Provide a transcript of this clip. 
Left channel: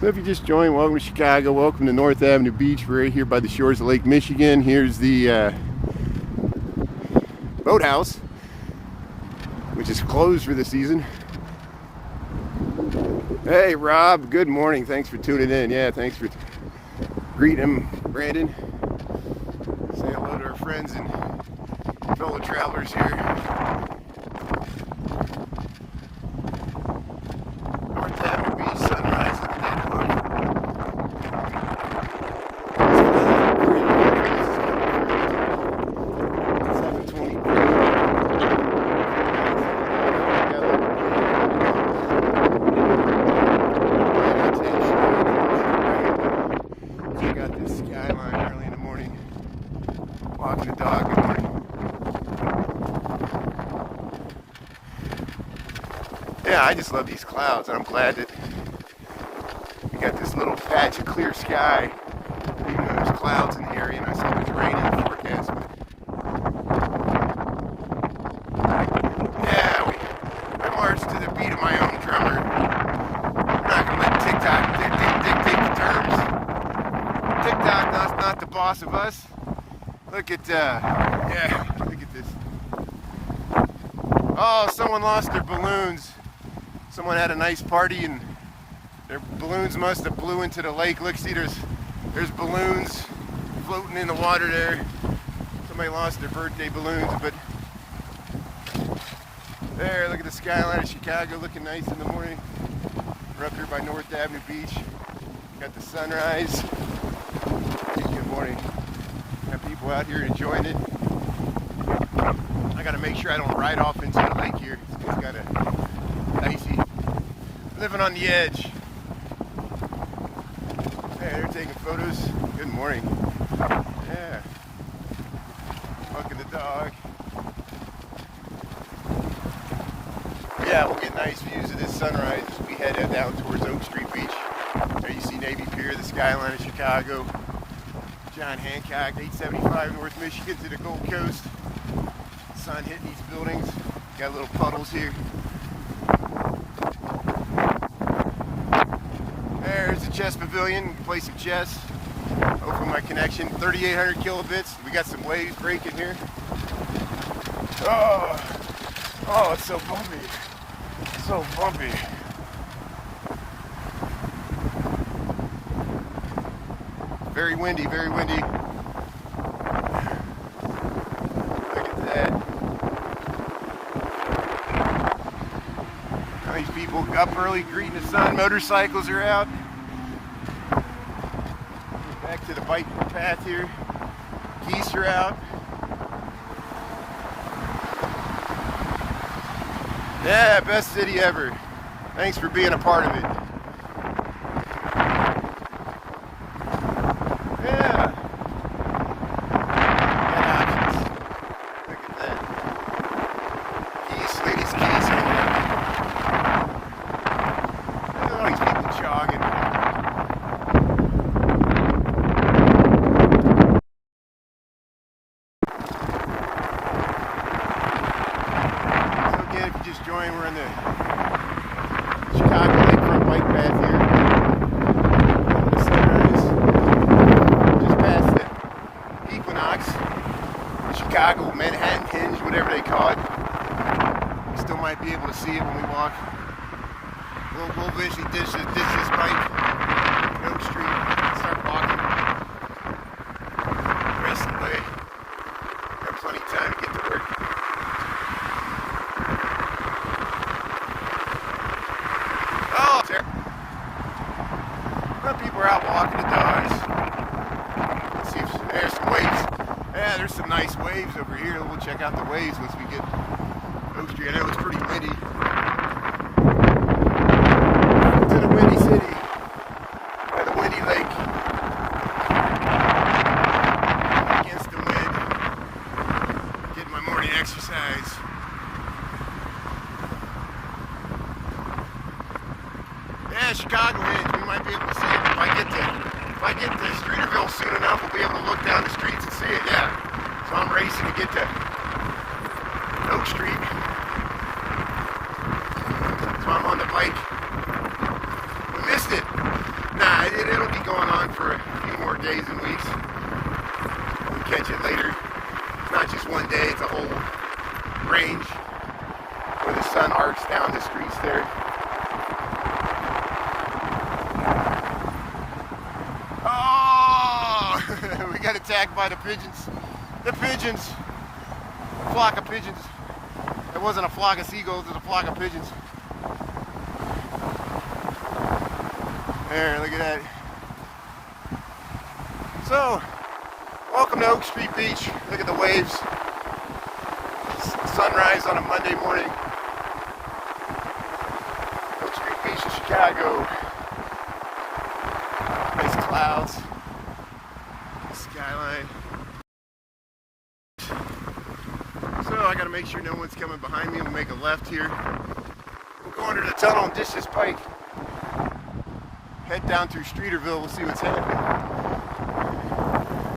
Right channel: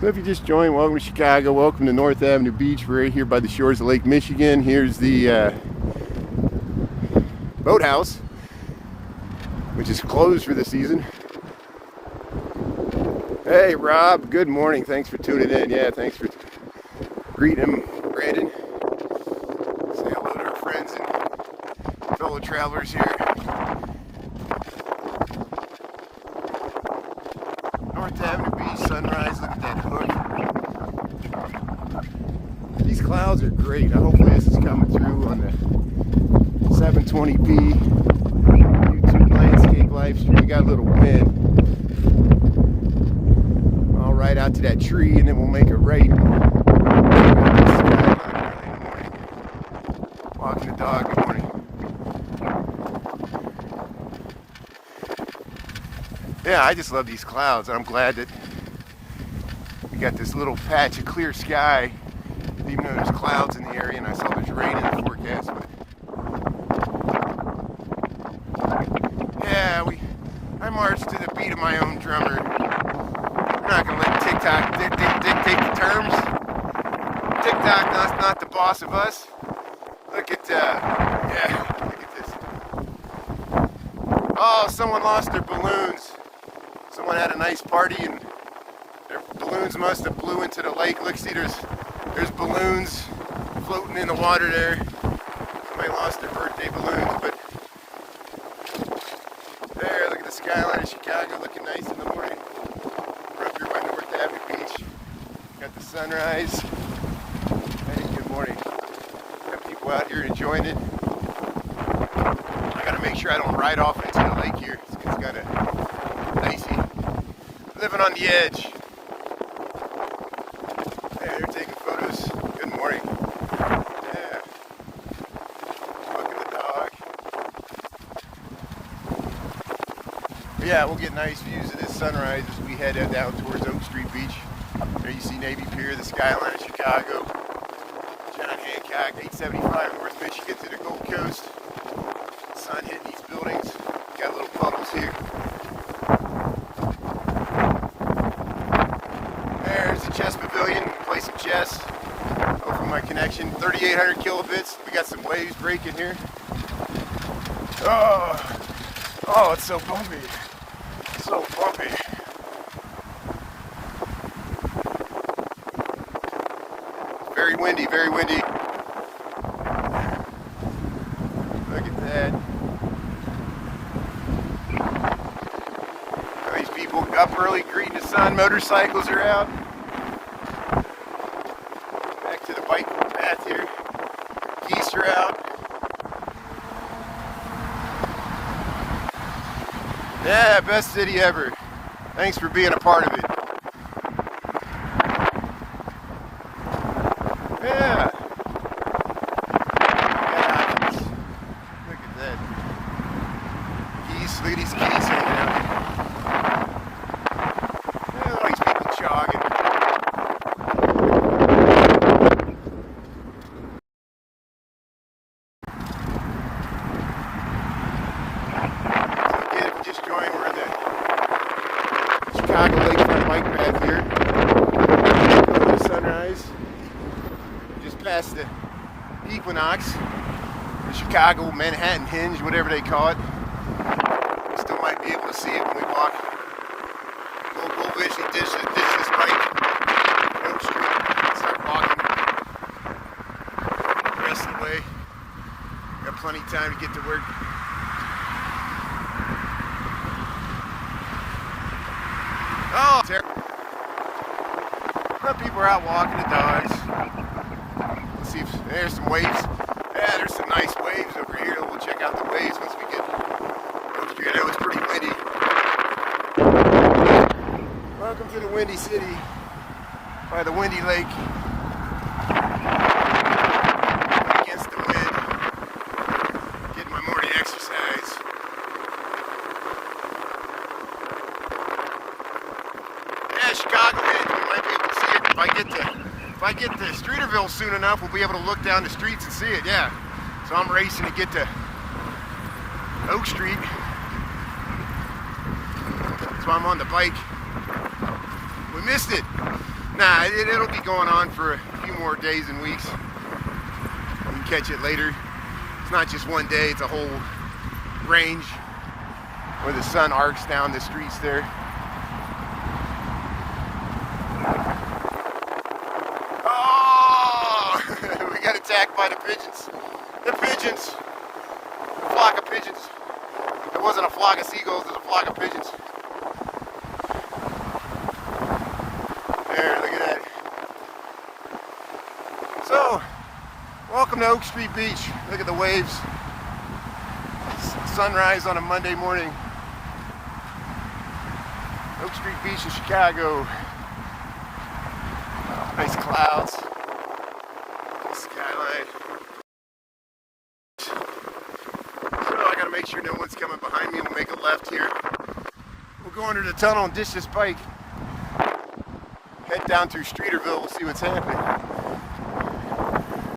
So if you just joined, welcome to Chicago. Welcome to North Avenue Beach. We're right here by the shores of Lake Michigan. Here's the boathouse, which is closed for the season. Hey, Rob. Good morning. Thanks for tuning in. Yeah, thanks for greeting him, Brandon. Say hello to our friends and fellow travelers here. North Avenue Beach, sunrise. Look at that hook. These clouds are great. This is coming through 720p. Got a little wind. Right out to that tree, and then we'll make it right. Got this Skyline early in the morning. Walking the dog. Good morning. Yeah, I just love these clouds, and I'm glad that we got this little patch of clear sky, even though there's clouds in the area, and I saw there's rain in the forecast. But yeah, I marched to the beat of my own drummer. I'm not gonna let TikTok dictate the terms. TikTok not the boss of us. Look at yeah, look at this. Oh, someone lost their balloons. Someone had a nice party and their balloons must have blew into the lake. Look, see, there's balloons floating in the water there. Somebody lost their birthday balloons, but there, look at the skyline of Chicago looking nice in the morning. We're up here by North Avenue Beach. Got the sunrise. Good morning. Got people out here enjoying it. I gotta make sure I don't ride off into the lake here. It's got a nicey living on the edge. There, they're taking photos. Good morning. Yeah. Walking the dog. Yeah, we'll get nice views of this sunrise as we head down towards Oak Street Beach. There you see Navy Pier, the skyline of Chicago. John Hancock, 875 North Michigan to the Gold Coast. Sun hitting these buildings. Got little puddles here. There's the chess pavilion, play some chess. Open my connection, 3,800 kilobits. We got some waves breaking here. Oh, it's so bumpy. So bumpy. Very windy, very windy. Look at that. These people up early greeting the sun. Motorcycles are out. Back to the bike path here. Geese are out. Yeah, best city ever. Thanks for being a part of it. Yeah. Got options. Look at that. Geese, ladies, geese over there. Look at all these people jogging. We're in the Chicago Lakefront bike path here. The sunrise. Just past the Equinox. The Chicago Manhattan Hinge, whatever they call it. Still might be able to see it when we walk. We'll vision this bike. Oak Street. Start walking. The rest of the way. Got plenty of time to get to work. Oh, people are out walking the dogs. Let's see if there's some waves. Yeah, there's some nice waves over here. We'll check out the waves once we get Oak Street. I know it's pretty windy. Welcome to the Windy City by the Windy Lake. Against the wind. Getting my morning exercise. Yeah, Chicago, man, we might be able to see it. If I get to Streeterville soon enough, we'll be able to look down the streets and see it, yeah. So I'm racing to get to Oak Street. So I'm on the bike. We missed it. Nah, it'll be going on for a few more days and weeks. We can catch it later. It's not just one day, it's a whole range where the sun arcs down the streets there. Oh! We got attacked by the pigeons. The pigeons. A flock of pigeons. It wasn't a flock of seagulls, it was a flock of pigeons. There, look at that. So, welcome to Oak Street Beach. Look at the waves. Sunrise on a Monday morning. Oak Street Beach in Chicago. Nice clouds. Skyline. So I gotta make sure no one's coming behind me. We'll make a left here. We'll go under the tunnel and ditch this bike. Head down through Streeterville. We'll see what's happening.